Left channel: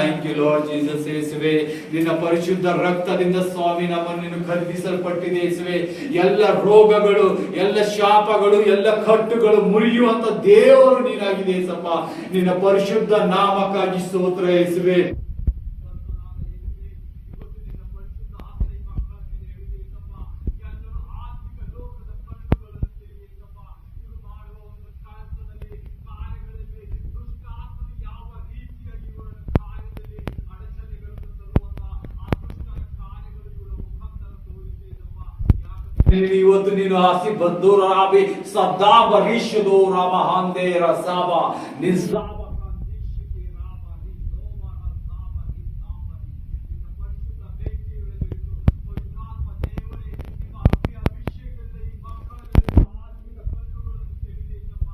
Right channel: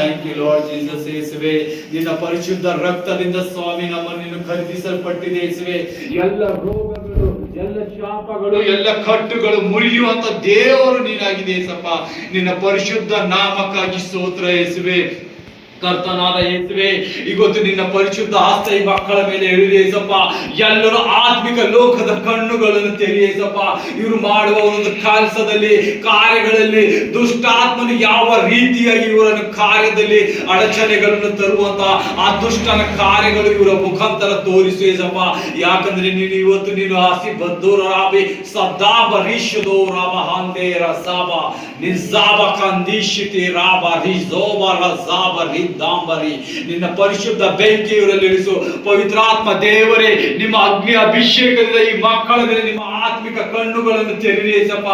Thank you Lord Jesus. ಯೇಸುವೆ, ನಿನ್ನ ಪರಿಶುದ್ಧ ರಕ್ತದಿಂದ ಸ್ವಾಮಿ ನಮ್ಮನ್ನು ಖರೀದಿಸಲ್ಪಟ್ಟಿದೆ ಯೇಸುವೆ. ಎಲ್ಲ ರೋಗಗಳು, ಎಲ್ಲ ಶಾಪಗಳು, ಎಲ್ಲ ಕಟ್ಟುಗಳು ಮುರಿಯುವಂತ ದೇವರು ನೀನಾಗಿದೆ ಯೇಸಪ್ಪ. ನಿನ್ನ ಪರಿಶುದ್ಧ ನಾಮಕ್ಕಾಗಿ ಸ್ತೋತ್ರ ಯೇಸುವೆ. ಕರ್ತನಾದ ಯೇಸುವೆ, ಇವತ್ತು ನಿನ್ನ ಪರಿಶುದ್ಧ ಹಸ್ತ ಈ ಮಕ್ಕಳ ಮೇಲೆ ಇಳಿದೆ ಯೇಸಪ್ಪ. ಎಲ್ಲರೂ ಆತ್ಮಿಕ ಲೋಕದ ಕಣ್ಣುಗಳನ್ನು ತೆರೆಯ ಯೇಸಪ್ಪ. ಇವರು ಮಾಡುವ ಒಂದು ಕೆಲಸದಲ್ಲಿ, ಕಾರ್ಯಗಳಲ್ಲಿ ದುಷ್ಟಾತ್ಮನು ಯಾವ ರೀತಿಯಾಗಿ ಇವರನ್ನು ಕಾರ್ಯದಲ್ಲಿ ಅಡಚಣೆಗಳನ್ನು ತರುವಂತ ಆ ದುಷ್ಟನ ಕಾರ್ಯಗಳು ಇವರ ಮುಖಾಂತರ ತೋರಿಸು ಯೇಸಪ್ಪ. ಯಾಕಂದ್ರೆ ನೀನು ಇವತ್ತು ನೀನು ಹಸಿ ಬದ್ದೋರ ರಾಬಿ ಸದಾಬ ರಿಷದೋ ರಾಮ ಹಾಂದೆ ರಸಾಬ ನಿಜಾಬ ಕಂದಿಶಿತಿ ರಾಬ ರಿಜೋಬ ರಜಾಬ ದಾಂಬರಿ. ನಿನ್ನ ಪರಿಶುದ್ಧ ಬೆಂಕಿ ಇವರಲ್ಲಿ ಇಳಿಸು ಪವಿತ್ರಾತ್ಮ ದೇವರೇ. ನಿಮ್ಮ ಅಗ್ನಿ ಅಭಿಷೇಕದಿಂದ ಈ ಮಕ್ಕಳ ಮೇಲೆ ನಿಮ್ಮ ಆತ್ಮಿಕ ಕಣ್ಣುಗಳನ್ನು ತೆರೆದಿ ಯೇಸಪ್ಪ.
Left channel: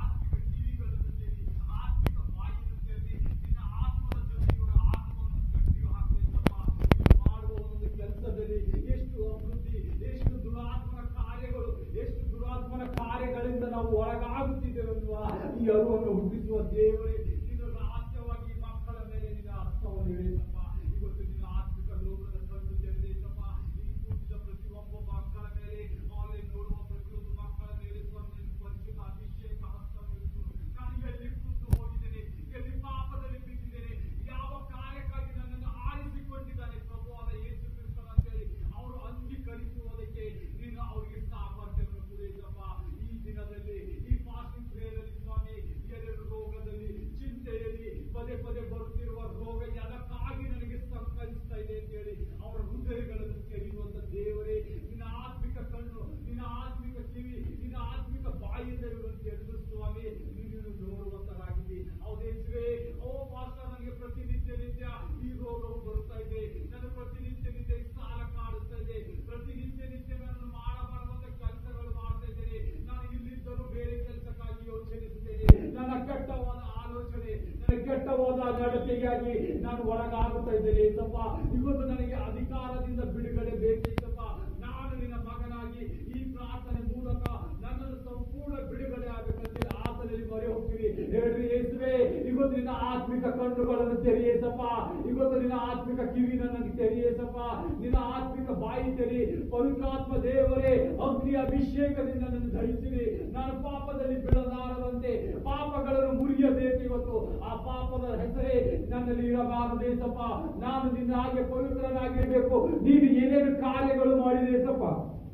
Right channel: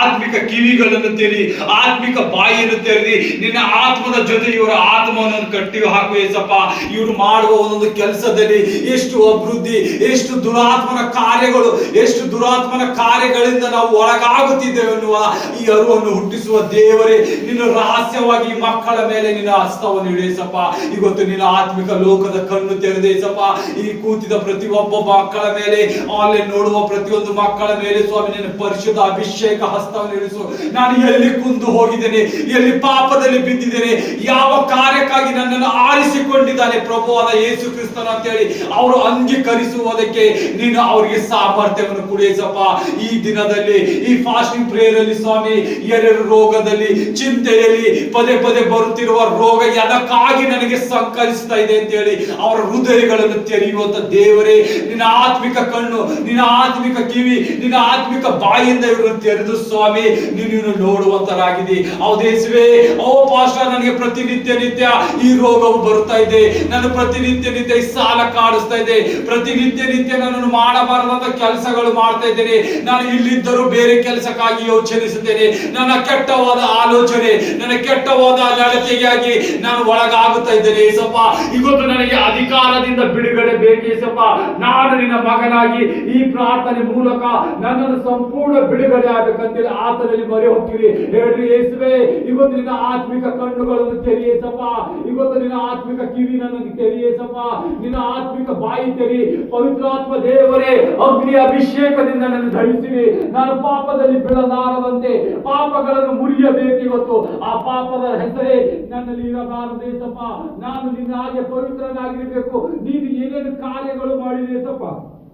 ಆತ್ಮಿಕ ಕಿವಿಗಳನ್ನು ತೆರಿ, ಆತ್ಮಿಕ ಬಾಯಿಯನ್ನು ತೆರೆದಿ ನಿನ್ನ ಆತ್ಮದ ಜೊತೆ ಇವರ ಆತ್ಮವನ್ನು ಕಟ್ಟಿ ಹಾಕು ಯೇಸಪ್ಪ. ಇವರು ಮಾಡುವ ಒಂದೊಂದು ಕೆಲಸದಲ್ಲಿ ಎಷ್ಟು ಅಭಿವೃದ್ಧಿ, ಎಷ್ಟು ದುರಾತ್ಮನ ಕಾರ್ಯಗಳು, ಎಷ್ಟು ದುರಾತ್ಮನ ಕಾರ್ಯಗಳಿಂದ ನಾವು ಒಳಗಾಗುತ್ತಿದ್ದೇವೆ ಎನ್ನುವ ಈ ಅರಿವನ್ನು ಹುಟ್ಟಿಸುವ ದೇವರೇ, ನಿನ್ನ ರಹಸ್ಯವಾಗಿ ಈ ಮಕ್ಕಳ ಮೇಲೆ ನಿನ್ನ ಹಸ್ತವನ್ನು ಇಡೇಸಪ್ಪ. ಇವತ್ತು ನಿನ್ನ ಆತ್ಮಿಕ ಲೋಕದ ಕಣ್ಣು ತೆರೆದೇಸಪ್ಪ. ಈ ಕೂತಿದ ಪ್ರತಿಯೊಬ್ಬ ಮಕ್ಕಳ ಮೇಲೆ, ಆನ್ಲೈನ್ ನೋಡುವ ಪ್ರತಿಯೊಂದು ಮಕ್ಕಳ ಮೇಲೆ ಸ್ವಾಮಿ ನಿನ್ನ ಪರಿಶುದ್ಧ ಅಭಿಷೇಕ ಹಸ್ತವನ್ನು ಇಳಿಸು. ನಾನು ಎಲ್ಲಿ ಕುಂದು ಹೋಗಿದ್ದೇನೆ, ಎಲ್ಲಿ ಪಾಪದಲ್ಲಿ ಬಿದ್ದಿದ್ದೇನೆ, ಯಾವ ಕಾರ್ಯಕ್ಕಾಗಿ ನನ್ನನ್ನು ಆರಿಸಿಕೊಂಡಿದ್ದಾನೆ ಪ್ರಭುವಾದ ಯೇಸು ಕ್ರಿಸ್ತನ ಅಂತ ಹೇಳಿ ಅವರು ಅಂಗೀಕರಿಸುವುದಕ್ಕೆ ನೀನು ಅವರಿಗೆ ಸಾಮರ್ಥ್ಯವನ್ನು ಕೊಡಿಸಪ್ಪ. ಈ ದಿನದಲ್ಲಿ ಈ ಫಾಸ್ಟಿಂಗ್ ಪ್ರೇಯರ್ ಅಲ್ಲಿ ಸ್ವಾಮಿ ಎರಡು ರೋಗದಲ್ಲಿ, ಚಿಂತೆಯಲ್ಲಿ ಪದೇ ಪದೇ ಬರುತ್ತಿರುವ ರೋಗ ಅದಕ್ಕಾಗಿ ನನಗೆ ಸಂಕಲಿಸ್ತಾ ಇದೆ ಅಂತ ಹೇಳಿ ಅವರ ಹೃದಯಗಳನ್ನು ತೆರೆಯುವಂತ ದೇವರೇ, ನಿನ್ನ ಆತ್ಮಿಕ ಕಣ್ಣು, ನಿನ್ನ ಆತ್ಮಿಕ ಕಿವಿ, ನಿನ್ನ ಆತ್ಮಿಕ ಬಾಯಿಂದ ಇವರನ್ನು ತೆರೆದು ಸ್ವಾಮಿ ನೀನು ನೋಡುವಂತರಾಗಿದೆ. ಹೌದೇಸುವೆ, ಓ ಪಾಸ್ಟರ್ ನನಗೆ ಪ್ರತಿನಿತ್ಯ ನಿತ್ಯ ಈ ರೋಗವು ಬರುತ್ತಾ ಇದೆ, ನಾನು ಪ್ರತಿನಿತ್ಯ ನಿತ್ಯ ಈ ಸಾಲ ಕಾಡಿಸ್ತಾ ಇದೆ, ಪ್ರತಿನಿತ್ಯ ನಿತ್ಯ ನನ್ನನ್ನು ಮಾಡಬಾರದಂತ ಕೆಲಸಗಳು ಮಾಡ್ತಾ ಇದ್ದೇನೆ, ನಾನು ಇಲ್ಲಿದ್ದರೂ ಬೇರೆ ಕೆಲಸಕ್ಕಾಗಿ ಯೋಚನಿಸುತ್ತೇನೆ, ನನ್ನ ಕೆಟ್ಟವಾದ ಆಲೋಚನೆ, ನನ್ನ ಕೆಟ್ಟವಾದ ನಡತೆಗಾಗಿ ನಾನು ಒಳಗಾಗುತ್ತಾ ಇದ್ದೇನೆ ಏಸಪ್ಪ. ಇವತ್ತು ನನಗೆ ಅಧಿಕಾರದಿಂದ ಬಿಡುಗಡೆ ಬೇಕು ಏಸಪ್ಪ. ನಾನು ನಿನ್ನ ಮಗನಾಗಿ ಈ ಪ್ರಾರ್ಥನೆ ಮೂಲಕ ನನ್ನನ್ನು ಸಂಪೂರ್ಣ ಬಿಡುಗಡೆ ಆಗಬೇಕಂತೇಳಿ ಆತನಲ್ಲಿ ಮೊರೆ ಹೋಗ್ತೀವಿ. ಹೇಳ್ರಿ ಯೇಸುವೆ, ಇವತ್ತು ನಿನ್ನ ಆತ್ಮಿಕ ಕಣ್ಣುಗಳನ್ನು ತೆರೆಯೇಸಪ್ಪ. ಇವತ್ತು ನಿನ್ನ ಆತ್ಮಿಕ ಕಿವಿ ನನಗೆ ತೆರೆಯೇಸಪ್ಪ. ನಿನ್ನ ಆತ್ಮಿಕ ಬಾಯಿ ತೆರಿ ಪವಿತ್ರಾತ್ಮ ದೇವರೇ. ಅಗ್ನಿ ಅಭಿಷೇಕದಿಂದ ನನ್ನ ಧರಿಸಿರಿ. ನಾನು ಪಾಪದಲ್ಲಿ ಬೀಳಲಾರದಂತೆ ಪಾಪಗಳನ್ನು ಮುರಿಯಬೇಕು. ಇವತ್ತು ಆ ಪಾಪದ ಹೆಸರೇ ನನ್ನಲ್ಲಿ ಇರಬಾರದೇಸಪ್ಪ. ನಾನು ನಿನ್ನ ಹಾಗೆ ಪವಿತ್ರನಾಗಿರ್ಬೇಕು. ನೀನು ಏನೇನು ಕಾರ್ಯಗಳು ಮಾಡಿದೇಸಪ್ಪ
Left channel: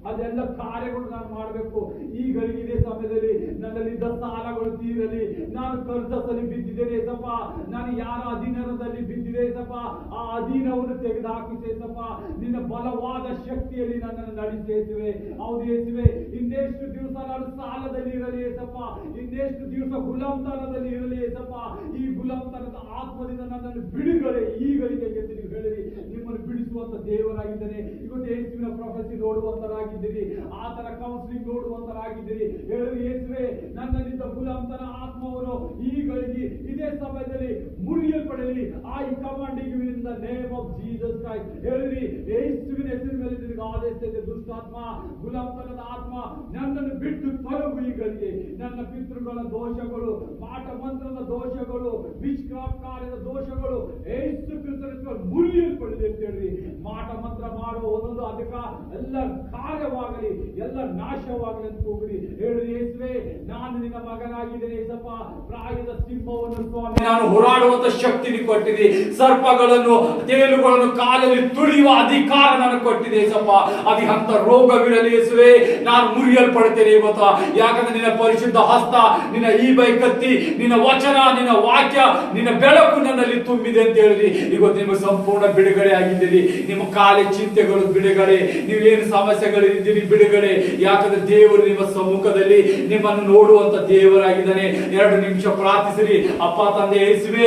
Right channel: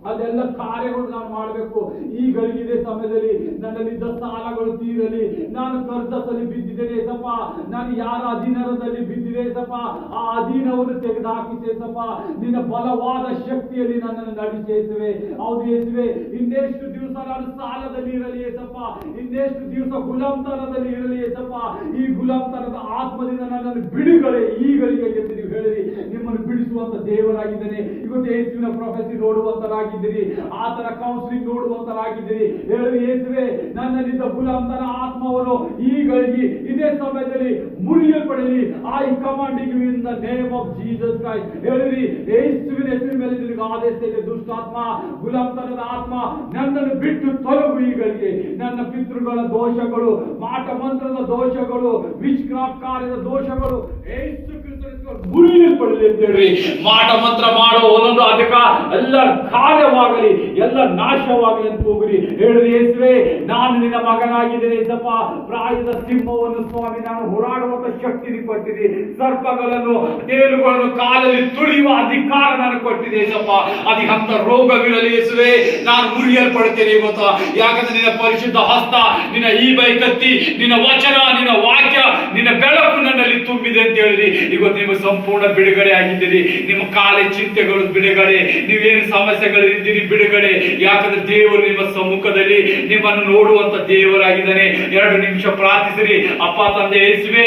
ಅದೆಲ್ಲ ಕಾರ್ಯಗಳು ನಾನು ಮಾಡಬೇಕು. ಈ ಗಳಿಗಿದೆ ಸಮಯದಲ್ಲಿ ನನ್ನಲ್ಲಿದ್ದ ಸಾಲಗಳು ತೀರಲಿ. ನಾನು ಕರ್ತದಲ್ಲಿ ಬಿದ್ದಿದ್ದೇನೆ ಸಪ್ಪ. ನಾನು ಯಾರ ಅಧೀನದಲ್ಲಿ ಬಿದ್ದಿದೆ ಸಪ್ಪ, ಆ ಅಧೀನವನ್ನು ತೆಗೆದುಹಾಕಿಸೇಸಪ್ಪ. ನಿನ್ನ ಬಲವಾದ ಶಕ್ತಿಯಲ್ಲಿ ನನ್ನನ್ನು ನಡೆಸೇಸುವೆ. ಹೌದು ಯೇಸುವೆ, ಇನ್ನೆಷ್ಟು ದಿವಸ ನಾನು ಸಾಲದಲ್ಲಿ ಇರಲಿ ಏಸಪ್ಪ, ಇನ್ನೆಷ್ಟು ದಿವಸ ಗುಲಾಮ್ತನದಲ್ಲಿ ಇರಲಿ ಏಸಪ್ಪ. ಈ ಗುಲಾಮ್ತನದ ಆತ್ಮದಿಂದ ನನ್ನನ್ನು ಬಿಡುಗಡೆ ಈಗಳಿಗೆ ಎಂದು ನೀವು ಹೇಳಿರಿ. ನಿಮ್ಮನ್ನು ಬಿಡಿಸುವಂತ ದೇವರಾಗಿದ್ದೇನೆ. ಇವತ್ತು ಯೇಸುವಿನ ಪ್ರೊಫೆಸಿ ನೋಡುವಂತರಾಗಿ, ಆತನ ಕೌನ್ಸಿಲಿಂಗ್ ನೋಡುವಂತರಾಗಿದ್ದೀರಿ. ಹೇಳಿ ಯೇಸುವೆ, ನನ್ನಲ್ಲಿದ್ದ ಗುಲಾಮತನ ಆತ್ಮವನ್ನು ಈಗಳಿಗೆ ಇದೇ ಸಮಯದಲ್ಲಿ ಮುರಿಯಲ್ಪಡಲಿ. I commanding you in the name of Jesus Christ. ಹೇಳಿರಿ, ಯೇಸುವಿನ ಹೆಸರಿನ ಮೇಲೆ ನಿನಗೆ ಆದೇಶ ಇದೆ. ದುಷ್ಟಾತ್ಮ, ಗುಲಾಮತನದ ಆತ್ಮ, ನನ್ನನ್ನು ಬಿಟ್ಟು ತೊಲಗು ಈಗಳಿಗೆ. ನನ್ನ ಪಿತೃಗಳ ದೋಷಗಳು, ಮಾಟ ಮಂತ್ರದ ದೋಷಗಳು, ವಿಚ್ ಕ್ರಾಫ್ಟ್ ಕಾರ್ಯದ ದೋಷಗಳು ಯೇಸು ಕ್ರಿಸ್ತನ ಮುರಿಯಲ್ಪಡಲಿ ಅಂತ ಹೇಳ್ರಿ. ಮಾಟ ಮಂತ್ರ ಮಾಡುವ ಒಂದೊಂದು ಅಧಿಕ ಎಲ್ಲ ಕಾರ್ಯವಾಗಲಿ, ಎಲ್ಲ ನಾಶವಾಗಲಿ ಅಂತ ಹೋಗ್ರಿ. ಹೇಳಿರಿ ಯೇಸುವೆ, ನಾನು ನಿನ್ನ ಮಗನಾಗಿದ್ದೇನೆ ಏಸಪ್ಪ. ಪ್ರಾಯದ ಸಿಂಹವನ್ನು ಸ್ವಾಮಿ ನಾನು ಹೋರಾಡುವಂತ ಶಕ್ತಿ ಕೊಟ್ಟಿದೆ. ಸರ್ಪಗಳನ್ನು, ತೇಲುಗಳನ್ನು ಕಾಲಲ್ಲಿ ತುಳಿಯುವ ಅಧಿಕಾರ ನಾನು ಕೊಟ್ಟಿದೆ ಏಸಪ್ಪ. ಅದಕ್ಕೆ ಅಂತ ರೋಗವಿರಲಿ ಯೇಸುವೆ, ನಾನು ಮುರಿಯಲ್ಪಡ್ತೇನೆ ಇವತ್ತು. ಯಾಕಂದ್ರೆ ನಿನ್ನ ಪರಿಶುದ್ಧ ಹಸ್ತ, ನಿನ್ನ ಈ ಬೈಕತ್ತಿ, ನಿನ್ನ ವಚನ, ನಿನ್ನ ವಾಕ್ಯ, ನಿನ್ನ ಬೆಳಕು ನನ್ನಲ್ಲಿ ತುಂಬಿದೆ ಅಂತ ಹೇಳಿರಿ. ಇವತ್ತು ನೀವು ಸಂಪೂರ್ಣ ಬಿಡುಗಡೆ ಆಗಿದ್ದೀರಿ. ನಿಮ್ಮ ಕಾಲೇ ಚಿಂತೆಗಳು ಬಿಡುಗಡೆ, ನೀವೇನು ಸಮಸ್ಯೆಗಳಿದ್ದೀರಿ ಬಿಡುಗಡೆ. ಯಾಕಂದ್ರೆ ದೇವರು ನಿಮ್ಮ ಸಮ್ಮುಖದಲ್ಲಿ ನಿಮ್ಮನ್ನು ನೋಡುವಂತ ದೇವರಾಗಿದ್ದಾನೆ. 2 ನಿಮಿಷ ಪ್ರಾರ್ಥಿಸಿರಿ. ಅಪ್ಪ ತಂದೆ ಯೇಸುವೆ,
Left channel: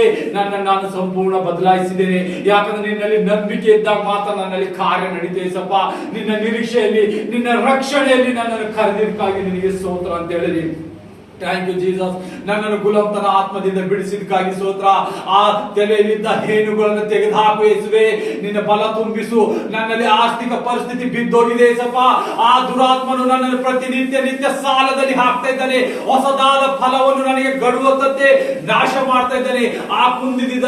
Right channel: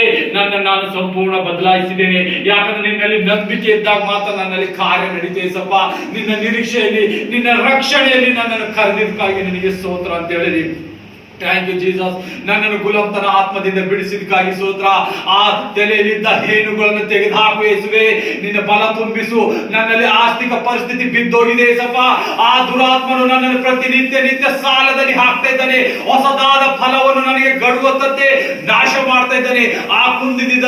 ನಾನು ಸಂಪೂರ್ಣ ಬದಲಾಯಿಸಿದ್ದೇನೆ. ಯಾಕಂದ್ರೆ ನಿನ್ನಲ್ಲಿ ನಂಬಿಕೆ ಇದ್ದಾಗ ಮಾತ್ರ ನನ್ನಲ್ಲಿ ಕಾರ್ಯ ನಡೀತೇವೆ ಸಪ್ಪ. ನಿನ್ನ ನಿರೀಕ್ಷೆಯಲ್ಲಿ, ನಿನ್ನ ರಕ್ಷಣೆಯಲ್ಲಿ ನನ್ನನ್ನು ಕರೆದಿದ್ದಕ್ಕಾಗಿ ನಿನಗೆ ಸ್ತೋತ್ರ ಅಂತ ಹೇಳಿರಿ. Thank you Jesus. ನನ್ನನ್ನು ಗುಲಾಮತನ ಆತ್ಮದಿಂದ ಬಿಡಿಸಿದಕ್ಕಾಗಿ ಸ್ತೋತ್ರ. ಆ ತಲೆಯಲ್ಲಿದ್ದ ಹೇನುಗಳನ್ನು ತೆಗೆದುಹಾಕು ಯೇಸುವೆ. ನಿನ್ನ ಬಲ ತುಂಬಿಸು. ನನ್ನಲ್ಲಿ ಆರ್ಥಿಕ ಪರಿಸ್ಥಿತಿ ಬಿದ್ದೋಗಿದೆ ಯೇಸಪ್ಪ. ಆ ದುರಾತ್ಮನು ನನ್ನನ್ನು ಪ್ರತಿನಿತ್ಯ ಸಾಲದಲ್ಲಿ ಹಾಕ್ತಾ ಇದ್ದಾನೆ. ಹೊಸದಾದ ಫಲವನ್ನು ನನಗೆ ಗಡುವಂತೆ ನಾಶ ಮಾಡ್ತಾ ಇದ್ದಾನೆ. ಆ ಕುಂದಿದ್ದ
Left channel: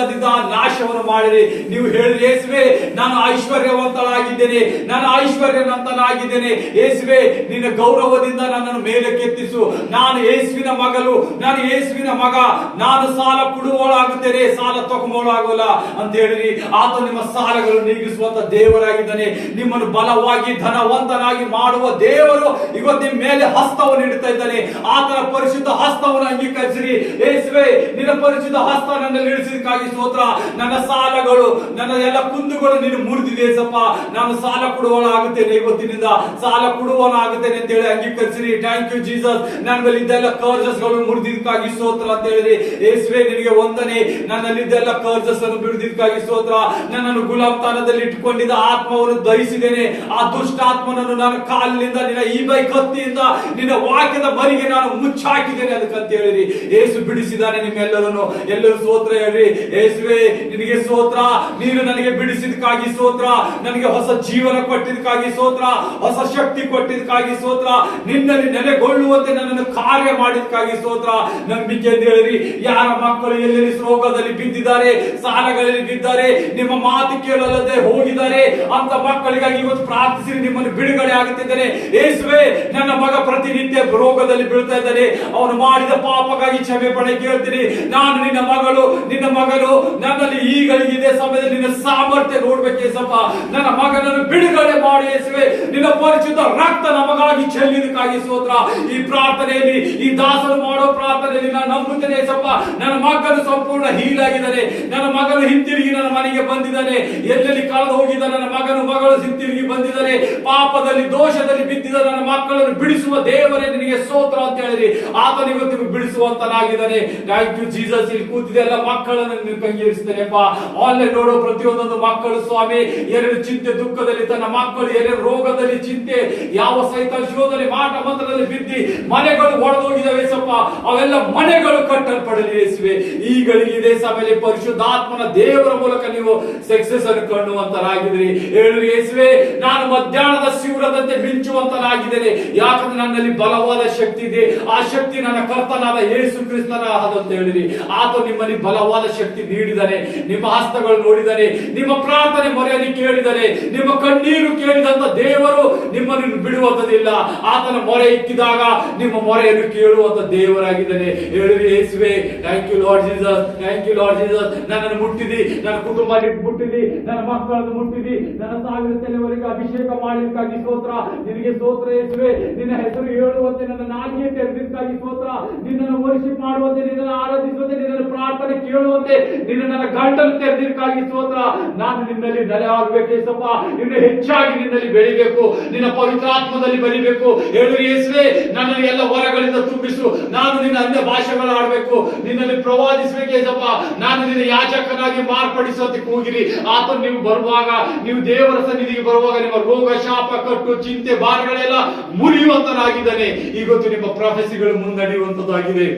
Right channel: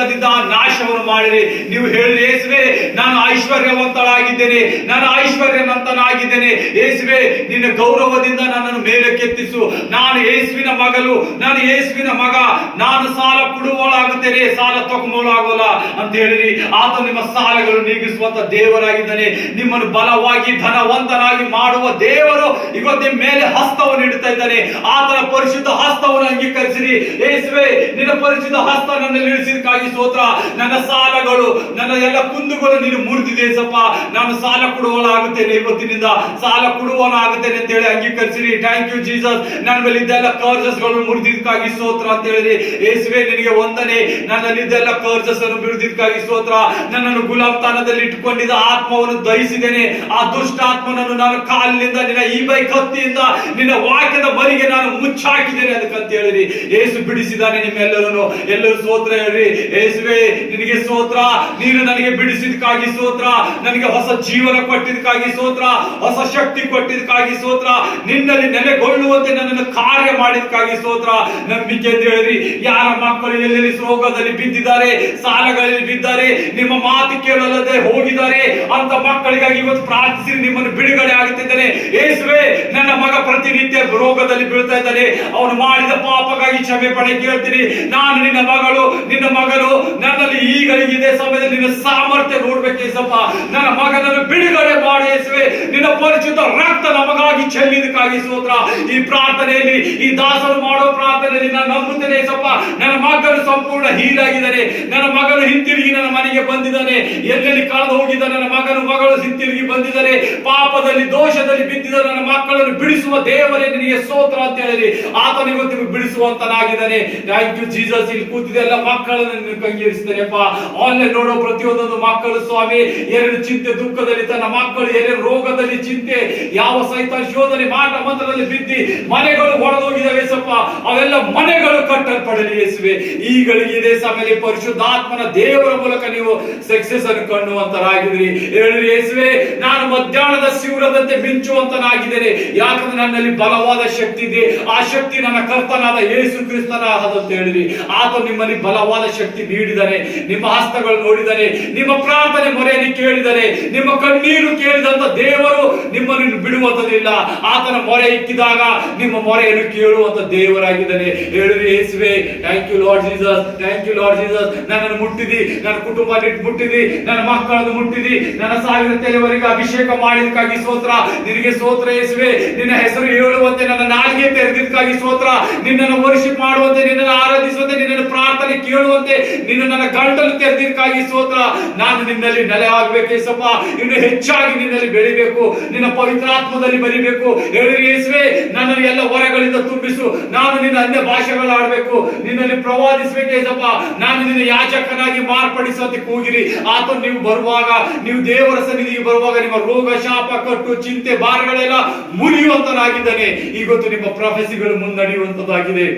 ನಾಶವನ್ನು ಮಾಡಿರಿ. ನೀವು ಹೇಳಿರಿ ಯೇಸುವೆ, ನಾನು ಐಶ್ವರ್ಯವಂತಳಾಗಿದ್ದೇನೆ, ನಾನು ಐಶ್ವರ್ಯವಂತನಾಗಿದ್ದೇನೆ ಯೇಸುವೆ. ನಿನ್ನ ಗೌರವದಿಂದ ನನ್ನನ್ನು ಮೇಲೆ ಕೆತ್ತಿಸು. ನಾನು ಯೇಸುವಿನ ಮಗಳು, ನಾನು ಯೇಸುವಿನ ಮಗ. ನಾನು ಸಾಲ ಕೊಡುವವಳಾಗುತ್ತೇನೆ, ಸಾಲ ತಗೊಂಡೋಳಾಗೋಲ್ಲ ಅಂತ ಹೇಳಿರಿ. ಆತ ನಿಮ್ಮ ಸಾಲಗಳು ನೀಗಿಸುವಂತ ದೇವರಾಗಿದ್ದಾನೆ. ನಿಮ್ಮನ್ನು ಬಲವಾಗಿ ಧನವಂತನಾಗಿ ಮಾಡುವ ದೇವರು ಇವತ್ತು ನಿಮ್ಮ ಮೇಲೆ ಹಸ್ತವನ್ನು ಇಡ್ತಾ ಇದ್ದಾನೆ. ಆತನ ಪರಿಶುದ್ಧ ಹಸ್ತವನ್ನು ಅಂಗೀಕರಿಸಿರಿ. ಯೇಸುವೆ, ನಿನ್ನ ಪರಿಶುದ್ಧ ಹಸ್ತ ನನ್ನಲ್ಲಿ ಇಳಿಸಿದಕ್ಕಾಗಿ ಸ್ತೋತ್ರ. ನನ್ನ ಸಾಲಗಳು, ನನ್ನ ಎಲ್ಲ ಕುಂದುಗಳು ನೀನು ಮುರಿದಿದೆ ಯೇಸಪ್ಪ. ನಾನು ಸಾಲ ಕೊಡುವವನಾಗುತ್ತೇನೆ, ಇವತ್ತಿನಿಂದ ಸಾಲ ಕೊಡುವವನಾಗುತ್ತೇನೆ ಅಂತ ಹೇಳಿ ಅಂಗೀಕರಿಸಿರಿ. Thank you Jesus. ನನ್ನ ಮೇಲೆ ಇದೆಲ್ಲ ಕರ್ಜಸ್ ಗಳು ಮುರಿದಿದ್ದಕ್ಕಾಗಿ ಸ್ತೋತ್ರ ಅಂತ ಹೇಳಿರಿ. ಯೇಸುವೆ, ನಿನಗೆ ವಂದನೆ. ನನ್ನಲ್ಲಿದ್ದೆಲ್ಲ ಕರ್ಜಸ್ ಅನ್ನು ಬಿಡಿದಿದ್ದಕ್ಕಾಗಿ ಸ್ತೋತ್ರ. ನನ್ನನ್ನು ಗುಲಾಮತನದಲ್ಲಿ ಇಟ್ಟುಕೊಂಡಿದ್ದ ಆತ್ಮವನ್ನು ದಹಿಸಿದ್ದೇನೆ. ಆ ದುಷ್ಟಾತ್ಮನನ್ನು ನಾನು ಕಾಲಿನಿಂದ, ನಿನ್ನ ಈ ಬೈ ಕತ್ತಿಯಿಂದ, ನಿನ್ನ ವಾಕ್ಯದ ಬರಿಗೆ ನಾನು ಮುಚ್ಚಾಕಿದ್ದೇನೆ ಅದಕ್ಕಂತ ಹೇಳಿರಿ. ಯೇಸು ಬಿಡಿಸಿದಾನೆ ನಿಮ್ಮೆಲ್ಲರೂ. ಎಲ್ಲರೂ ಸ್ತೋತ್ರ ಹೇಳ್ರಿ. ಯೇಸುವೆ, ನಿನಗೆ ಸ್ತೋತ್ರ. ನೀನು ನನಗೆ ಬಿಡಿಸಿದಕ್ಕಾಗಿ ಸ್ತೋತ್ರ. ನನಗೆ ಹೊಸ ಜೀವನ ಕೊಟ್ಟಿದ್ದಕ್ಕಾಗಿ ಸ್ತೋತ್ರ. ಹೊಸ ಶಕ್ತಿ ಕೊಟ್ಟಿದ್ದಕ್ಕಾಗಿ ಸ್ತೋತ್ರ. ನಿನ್ನಲ್ಲಿ ನೆಲೆಗೊಳ್ಳುವಂತೆ ನನ್ನನ್ನು ಕಾರ್ಯ ಮಾಡಿದಕ್ಕಾಗಿ ಸ್ತೋತ್ರ. ನಂಬಿಕೆ ಅಂತ ಹೇಳಿರಿ. ಯಾರ ಮಕ್ಕಳು ಎಲ್ಲೆಲ್ಲಿ ರೋಗದಲ್ಲಿ ಬಿದ್ದಿದ್ದಾರೆ, ಸಾಲಗಳಲ್ಲಿ ಬಿದ್ದಾರೆ, ನಿಮ್ಮ ಮಾತು ಕೇಳಲ್ಲದೆ ಹೋಗಿದ್ದಾರೆ ಅಂತ ಮಕ್ಕಳಿಗಾಗಿ ಇವತ್ತು ಪ್ರಾರ್ಥಿಸಿ ನಿಮ್ಮನ್ನು ಬಿಡುಗಡೆ ಆಗುತ್ತಿದ್ದಾನೆ. ಯೇಸುವೆ, ನನ್ನ ಮಗ ಪ್ರತಿನಿತ್ಯ ರೋಗದಲ್ಲಿ ಬೀಳ್ತಾ ಇದ್ದಾನೆ. ಅವನು ಮಾಡಿದ ಪಾಪಕ್ಕಾಗಿ ಕ್ಷಮೆ ಪಡೆ ಕೇಳ್ತೀನಿ. ನಾನು ನಿನ್ನ ಮಗಳು, ನಿನ್ನ ಮಗಳು. ನನ್ನಲ್ಲಿ ಈಗಳಿಗಿದೆ ಸಮಯದಲ್ಲಿ ನಿನ್ನ ಸಾಮರ್ಥ್ಯ ನೋಡ್ಬೇಕು ಯೇಸಪ್ಪ. ನನ್ನ ಮಗನನ್ನು ಬಿಡುಗಡೆ ಮಾಡಿ ಯೇಸುವೆ. ನಿನ್ನ ಪರಿಶುದ್ಧ ರಕ್ತ ನಮಗಾಗಿ ಚೆಲ್ಲಿದಕ್ಕಾಗಿ ಸ್ತೋತ್ರ. ಈ ಪ್ರಾರ್ಥನೆಯಲ್ಲಿ, ಈ ದಾಸರು ಮಾಡೋ ಪ್ರಾರ್ಥನೆಯಲ್ಲಿ ನಾನು ನಂಬುತ್ತೇನೆ ಯೇಸಪ್ಪ. ನನ್ನ ಮಗನು ಸಂಪೂರ್ಣ ಹೀಲಾಗಿದ್ದಾನೆ. ನನ್ನ ಮಗನು ಹಿಂತಿರುಗಿ ನನ್ನ ಮನೆಗೆ ಬಂದಿದ್ದಾನೆ. ಎಲ್ಲೆಲ್ಲಿ ಕಳೆದು ಹೋಗಿದ್ದ ನನ್ನ ಮಗನು ಮಗಳು ಹಿಂತಿರುಗಿ ಬಂದಿದ್ದಾರೆ. ಪಾಪದಲ್ಲಿ ದೋಷದಲ್ಲಿ ಬಿದ್ದಿದ್ದ ನನ್ನ ಮಕ್ಕಳನ್ನು ಬಿಡಿಸುವ ದೇವರೇ ನಿನಗೆ ಸ್ತೋತ್ರ ಅಂತ ಹೇಳಿರಿ. ಆತನ ಇವತ್ತು ಬಿಡಿಸುವಂತನಾಗಿದ್ದಾನೆ. Thank you Jesus. ಇಲ್ಲಿ ಕೂತಿದೆ ಎಲ್ಲ ಮಕ್ಕಳನ್ನು ಕಂಗೇರಿಸಿದ್ದಾನೆಪ್ಪ. ಆನ್ಲೈನ್ ನೋಡೋ ಪ್ರತಿಯೊಂದೊಂದು ಮಕ್ಕಳು ಸ್ವಾಮಿ, ಎರಡು ಚಿಂತೆ ದುಃಖದಲ್ಲಿ ತನ್ನ ಮಕ್ಕಳು, ಎರಡು ರೋಗದಲ್ಲಿ ಚಿಂತೆ, ಯಾವ ಸೈತಾನ ಶೋಧನೆ ಮಾಟ ಮಂತ್ರದಲ್ಲಿ ಬಿದ್ದಿ ಮನೆಗಳು ಒಡೆದೋಗಿದ್ದಾವೆ ಯೇಸಪ್ಪ. ಅವೆಲ್ಲ ಮನೆಗಳು ಕಟ್ಟಲ್ಪಡಲಿ ಯೇಸುವೆ. ಈಗಳಿಗೆ ಇದೇ ಸಮಯದಲ್ಲಿ ಪರಿಶುದ್ಧಾತ್ಮನ ದೇವರ ಮೂಲಕ ನೀವು ಸಕ್ಸೆಸ್ ಅನ್ನು ಕಾಣುವಂತರಾಗಿದ್ರಿ. ಹೇಳಿರಿ ಯೇಸುವೆ, ನಾನು ಮಧ್ಯಾಹ್ನದ ಶಿವರದಂತೆ ಮಿಂಚುವಂತನಾಗಿದ್ದೇನೆ. ಯಾಕಂದ್ರೆ ನನ್ನಲ್ಲಿ ಬಲವಾದ ಶಕ್ತಿ ಇದೆ. ಆ ಶಕ್ತಿ ನನ್ನ ಕರ್ತನಾದ ಯೇಸು ಕ್ರಿಸ್ತನ ಅಂತ ಹೇಳಿರಿ. ಆತ ನಿಮ್ಮಲ್ಲಿ ಬಲವಾದ ಶಕ್ತಿ ನೀಡಿದ್ದಾನೆ. ನಿಮ್ಮ ಹಸ್ತಗಳು ನೋಡಿದರೆ, ನಿಮ್ಮ ಪ್ರಾರ್ಥನೆ ಮೊರೆಯನ್ನು ಕೇಳಿದರೆ, ನಿಮ್ಮ ಕಣ್ಣೀರು ಕೇಳಿದಂತ ದೇವರು ನಿಮ್ಮನ್ನು ಬಿಡುವಂತದಿಲ್ಲ. ಆತನ ಮೊರೆ ಇಕ್ಕಿದಾಗ ನಿಮ್ಮ ಮೊರೆಯನ್ನು ಕೇಳುವಂತ ದೇವರಾಗಿದ್ದಾನೆ. ಹೇಳಿರಿ ಯೇಸುವೆ, thank you Lord Jesus, thank you Lord Jesus. ನನ್ನನ್ನು ಮುಟ್ಟಿದಿ, ನನ್ನ ಕುಟುಂಬ ಮುಟ್ಟಿದಿ, ನನ್ನ ಮಕ್ಕಳನ್ನು ಮುಟ್ಟಿದಿ, ನನ್ನ ಸಾವಿರ ತಲೆವರೆಗೆ ಅಭಿಷೇಕ ಮಾಡಿದಕ್ಕಾಗಿ ಸ್ತೋತ್ರ. ನಿನಗೆ ಸ್ತೋತ್ರ ಯೇಸುವೆ. ನಿನ್ನ ಹೆಸರು ಹೇಳುವಂತೆ ನನ್ನ ನಾಲಿಗೆ ತೆರೆದಿದ್ದಕ್ಕಾಗಿ ಸ್ತೋತ್ರ. ನಿನ್ನನ್ನು ವರ್ಷಿಪ್ ಮಾಡುವಂತೆ, ನಿನ್ನನ್ನು ಆರಾಧಿಸುವಂತೆ, ನಿನ್ನನ್ನು ಪ್ರಾರ್ಥನೆ ಕೇಳುವಂತೆ ನಿನ್ನ ನನ್ನ ಗಂಟಲು ತೆರೆದಿದ್ದಕ್ಕಾಗಿ ಸ್ತೋತ್ರ. ನಾನು ನಿನ್ನಲ್ಲಿ ನೆಲೆ ಆಗಬೇಕು ಯೇಸಪ್ಪ. ಇನ್ನು ಹೆಚ್ಚಾಗಿ ನಿನ್ನಲ್ಲಿ ಬೆಳಿಬೇಕು, ನಿನ್ನ ಪವಿತ್ರಾತ್ಮದಲ್ಲಿ ಬರಿಬೇಕು. ಹೇಳಿರಿ ಯೇಸುವೆ, ನನ್ನನ್ನು ಎಲ್ಲ ಹೊರಗಳಿಂದ ತುಂಬಿಸು. ನಾನು ನಿನ್ನ ಅನ್ಯ ಭಾಷೆಗಳು ಆಡಬೇಕು, ನಿನ್ನಲ್ಲಿ ಪ್ರವಾದಿಸಬೇಕು ಯೇಸಪ್ಪ. ನಾನು ನಿನ್ನ ಯಾಜಕನಾಗಿ ಮಾರ್ಪಡಿಸುವಂತೆ ಕೂಗಿರಿ. ಆತ ನೀವು ಬರುವಾಗ, ನೀವು ದೇವರ ಸನ್ನಿಧಿಗೆ ಬರುವಾಗ ನಿಮ್ಮ ರೋಗ, ಶಾಪ, ಕಟ್ಟು, ಚಿಂತೆ, ಭಾರಗಳೆಲ್ಲ ಮುರಿಯುವಂತನಾಗಿದ್ದಾನೆ. ಇವತ್ತು ನಿಮ್ಮ ಪ್ರೊಫೆಸಿಗಳು ಮುನ್ನಡೆಯುವಂತದ್ದಾಗಿದೆ.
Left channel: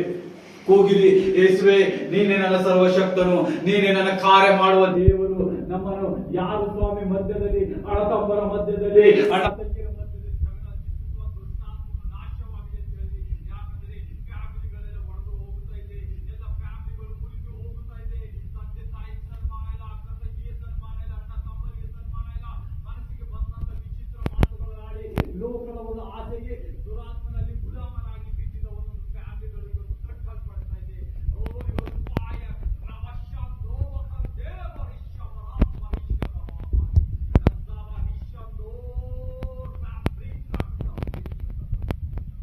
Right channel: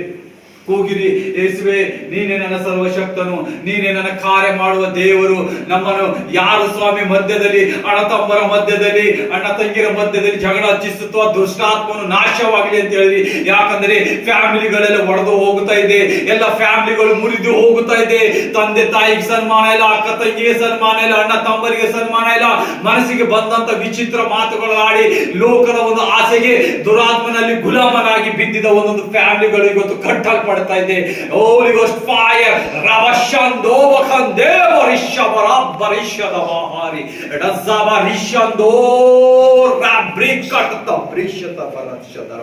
ಕೂಗಿರಿ ಯೇಸುವೆ, ನೀನೇ ನನ್ನ ಸರ್ವಶಕ್ತನು, ನೀನೇ ನನ್ನ ಕಾರ್ಯ ಮಾಡುವ ದೇವರು. ನಮ್ಮನ್ನು ಯಾರು ಸ್ವಾಮಿ ಮಧ್ಯದಲ್ಲಿ, ಅಣ್ಣತಮ್ಮರ ಮಧ್ಯದಲ್ಲಿ, ಅಣ್ಣ ತಂಗಿರ ಮಧ್ಯದಲ್ಲಿ ಜಗಳ ಹಚ್ಚಿಸುತ್ತೋ ದುಷ್ಟಾತ್ಮನು ನಾಶವಾಗಲಿ ಅಂತ ಹೇಳಿ. ಯಾಕಂದ್ರೆ ಫ್ಯಾಮಿಲಿಗಳೆಲ್ಲ ಒಡೆದು ಹೋಗುತ್ತಾ ಇದೆ, ಎಲ್ಲ ಫ್ಯಾಮಿಲಿಗಳು ಮುರಿದು ಹೋಗುತ್ತಾ ಇದೆ. ತಂದೆ ತಾಯಿಗೆ ಸನ್ಮಾನ ಇಲ್ಲ, ಅಕ್ಕ ತಂಗಿಗೆ ಸನ್ಮಾನ ಇಲ್ಲ, ಅಣ್ಣ ತಮ್ಮರಿಗೆ ಸನ್ಮಾನ ಇಲ್ಲ. ಮನಸ್ಸಿಗೆ ಬಂದಂತ ವಿಚಿತ್ರ ಮಾತುಗಳು ಆಡಿ ಲೋಕದ ಒಂದು ಆಸೆಗೆ ದುರಾತ್ಮನಲ್ಲಿ ಗುಲಾಮನಾಗಿ ಬಿದ್ದಿದ ಒಂದೊಂದು ಫ್ಯಾಮಿಲಿಗಳು ಇವತ್ತು ಕಟ್ಟಲ್ಪಡ್ತಾ ಇದೆ. Holy Ghost fire, Ravashando Vakandeva Rishabarabbarishada Bahari, Razzabarishando Rabrikata Brishata Varashada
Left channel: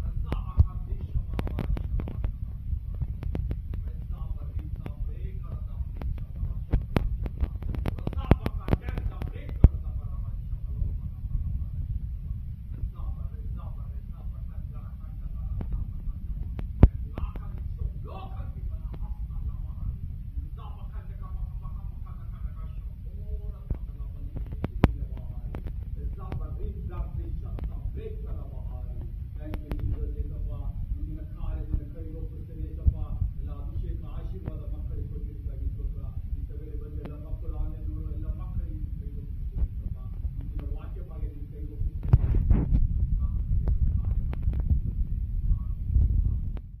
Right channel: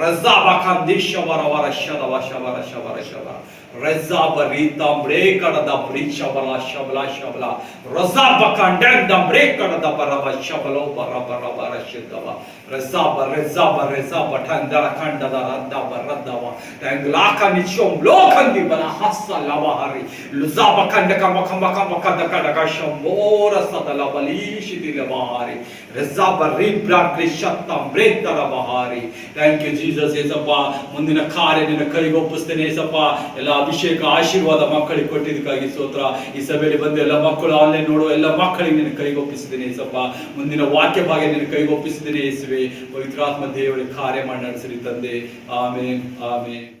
Razabakandisha Varavashada Vashavara Shavara Shavara Rezabaritam Brekada Brishabala Shabla Shabla Razabakandam Brekada Baraba Shabalo Barabara Shidava Rezaba Tandara Kandada Radaba Radava Tanglaka Nichom Lokandi Bana Hassa Lavahari Luzaba Kandaka Makamba Shambora Sadalabali Shidilavahari Rezaba Ribra Grishatam Brekada Bahari. Thank you, Jesus. Yesappa ಮುಂದಿನ ಕಾರ್ಯ ನಿನ್ನ ಕೈಗೆ ಒಪ್ಪಿಸ್ತೇನೆ ಯೇಸಪ್ಪ. ಎಲ್ಲ ಅಭಿಷೇಕ ಆಶೀರ್ವಾದ ಮಕ್ಕಳಿಗೆ ಕೊಟ್ಟಿದ್ದಕ್ಕಾಗಿ ಸ್ತೋತ್ರ. ಈ ಸಭೆಯಲ್ಲಿ ಬಂದು ಎಲ್ಲ ಮಕ್ಕಳು ಆನ್ಲೈನ್ ನೋಡುವ ಎಲ್ಲ ಮಕ್ಕಳಿಗೆ ನಿನ್ನ ಕೈಗೆ ಒಪ್ಪಿಸಿದ್ದೇನೆ ಯೇಸಪ್ಪ. ಮುಂದಿನ ವಾಕ್ಯ ಭಾಗ ನಿನ್ನ ಕೈಗೆ ಒಪ್ಪಿಸಿದ್ದೇನೆ ಯೇಸುವೆ. ಪವಿತ್ರಾತ್ಮ ದೇವರಿಗೆ ಕಾರ್ಯ ಮಾಡಿ ನಡೆಸಿರಿ ತಂದೆ. ಆಮೇನ್ ಆಮೇನ್.